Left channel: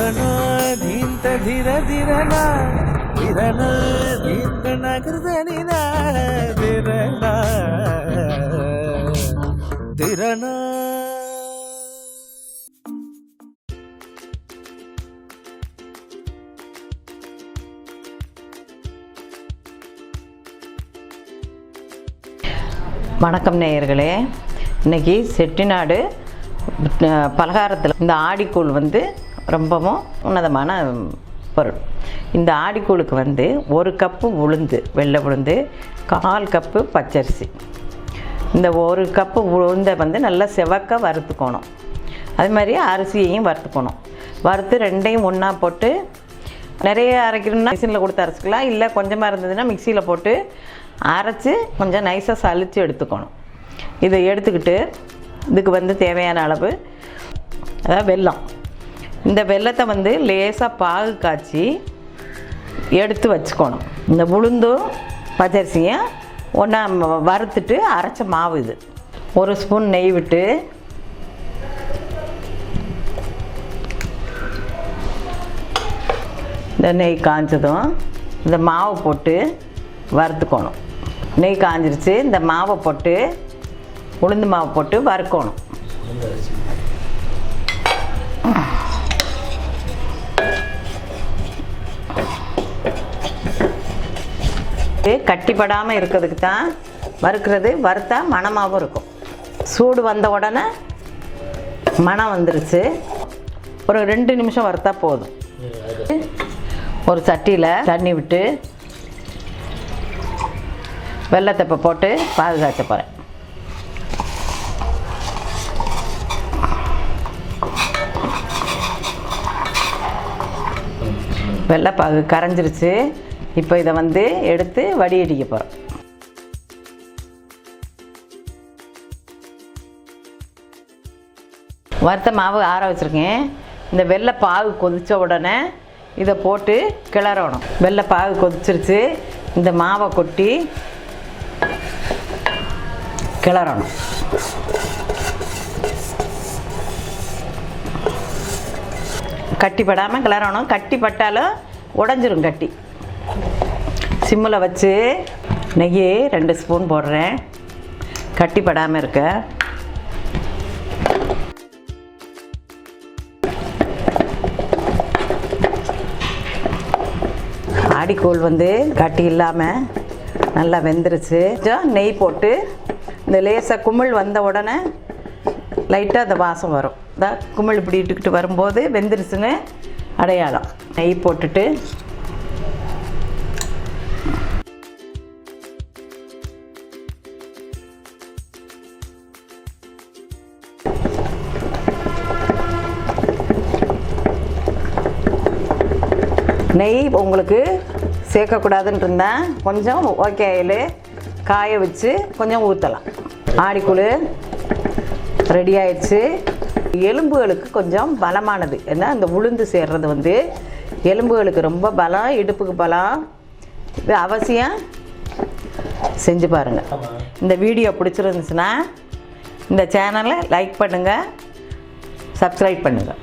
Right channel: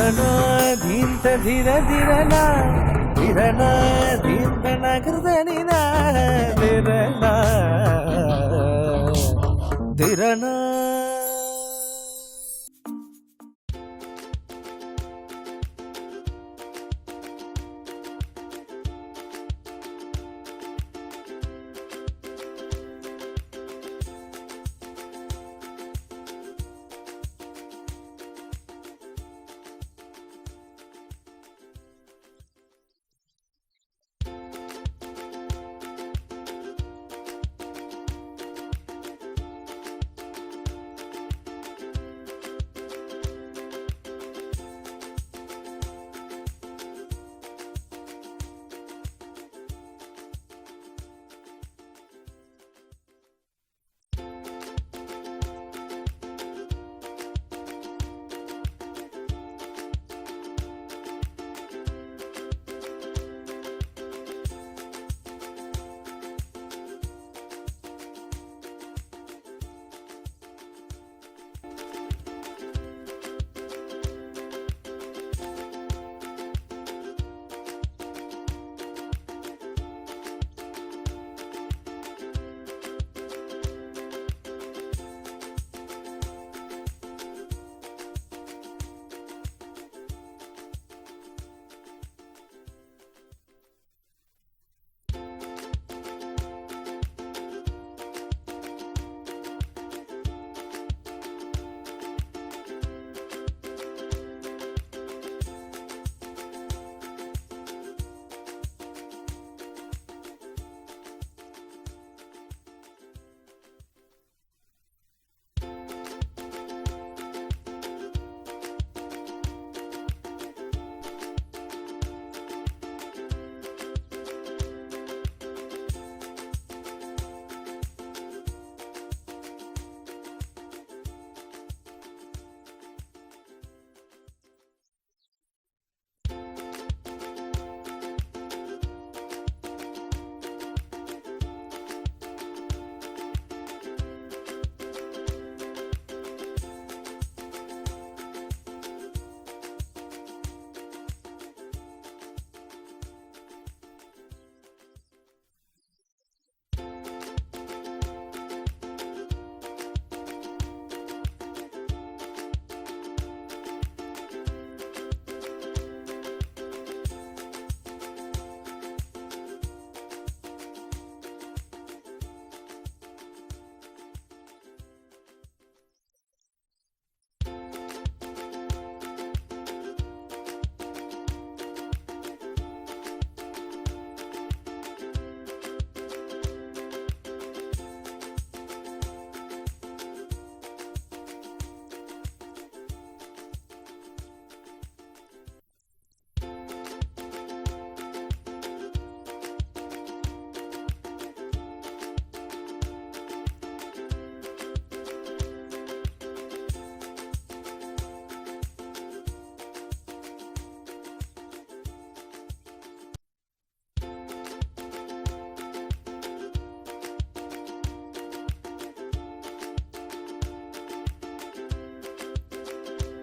धिरना धींत धीर धीरना धिरना धींत नगरदनिना धिरना धिरना. வணக்கம் நேயர்களே. இன்றைக்கி செட்டிநாடு பலகாரத்தில் இந்த ஆடிக்கூழ் வந்து ரொம்பவும் உன்னதமான பொருள். இந்த ஆடிக்கூழுக்கு வந்து 1 கப்பு உளுந்து, வெள்ளை உளுந்து, 1/4 கப்பு பச்சரிசி. இந்த 1 கப்பு உளுந்தை வந்து நல்லா செவக்க வறுத்துக்கணும். அது மாதிரி அரிசியையும் வறுத்துக்கணும். வறுத்து 2யும் ஒன்றா போட்டு, நிறைய அரைக்கணும்னா மிஷினில் கொடுத்து அரைச்சிக்கலாம், இல்லை கொஞ்சமாக இருந்ததுன்னா மிக்சியில் போட்டு அரைச்சி கொஞ்சம் நைஸாக சலித்து எடுத்துக்கணும். இதை எடுத்துக்கிட்டு இதுக்கு வந்து தேவையான அளவு அதாவது வெல்லம். இந்த வெல்லத்தை வந்து லேசாக பாகு காய்ச்சி எடுத்து வச்சுக்கணும். இந்த உளுந்தும் பச்சரிசியும் ஒன்றா வறுத்துட்டு அரைச்ச மாவு இது. 1 ஸ்பூன் நெய் விட்டு இந்த நெய் காய்ச்சதும் இந்த மாவை போட்டு வறுத்துக்கணும். நெய் காஞ்சிருச்சு. இந்த மாவை போட்டு உளுந்து மாவை போட்டு வறுக்கணும். கட்டிப்படாமல் இருக்கிறதுக்கு தான் வறுக்கிறது. வறுத்தா மணமாகவும் இருக்கும். சூடு வந்த உடனே மணம் வந்துருச்சு. ஒரு 2 நிமிஷம் வறுத்தா போதும். ஒரு சட்டியில் தண்ணி விட்டு வெல்லத்தை இப்போ போட்டு பாகு காய்ச்ச போகிறேன். வெள்ளைப்பாகு கரைஞ்சிருச்சு. இப்போ இதை வந்து எடுத்து வடிகட்டிக்க போகிறோம். வறுத்த மாவு ஆற வச்சுருக்கேன். இந்த வெள்ளைப்பாகு கொதித்த உடனே இதை போட்டு கிளறணும். வெள்ளைப்பாகு கொதிச்சிருச்சு. இந்த மாவை கொட்டி கிளறணும். கட்டிப்படாமல் கிளறணும். கட்டி பட்டாலும் உடஞ்சிரும் கட்டி. சிம்மில் வச்சு நெய் 2 ஸ்பூன் போடுறேன், கட்டிப்படாமல் இருக்க. ஆடிக்கூழ் வந்து கட்டி இல்லாமல் நல்லா வெந்துருச்சு. கொஞ்சம் நெய் போட்டு இந்த லேசாக குமிழ் வந்த உடனே லைட்டாக அந்த வாசம் வரும். இந்த குமிழ் இப்படி இட்டுக்கிட்டு வரும்போது வெந்துருச்சுன்னு அடையாளம். நெய் போட்டுட்டு நெய் உங்களுக்கு சேர்க்கக்கூடாதுன்னு இருந்தால் கொஞ்சம் ஓகேயில் காய வச்சு கொஞ்சம் ஊற்றலாம். ஆடிக்கூழ் ரெடி ஆயிடுச்சு. எலும்புகளுக்கு கொஞ்சம் பலமானது. ஏன்னா இந்த உளுந்து சேர்றது வந்து எலும்புகளுக்கு ரொம்ப பலம், இடுப்புக்கு பலம். இது அவசியம் செஞ்சு பாருங்கள். இந்த வீடியோ பிடிச்சிருந்துச்சுன்னா இந்த சேனலை லைக் பண்ணுங்கள், சப்ஸ்கிரைப் பண்ணுங்கள்.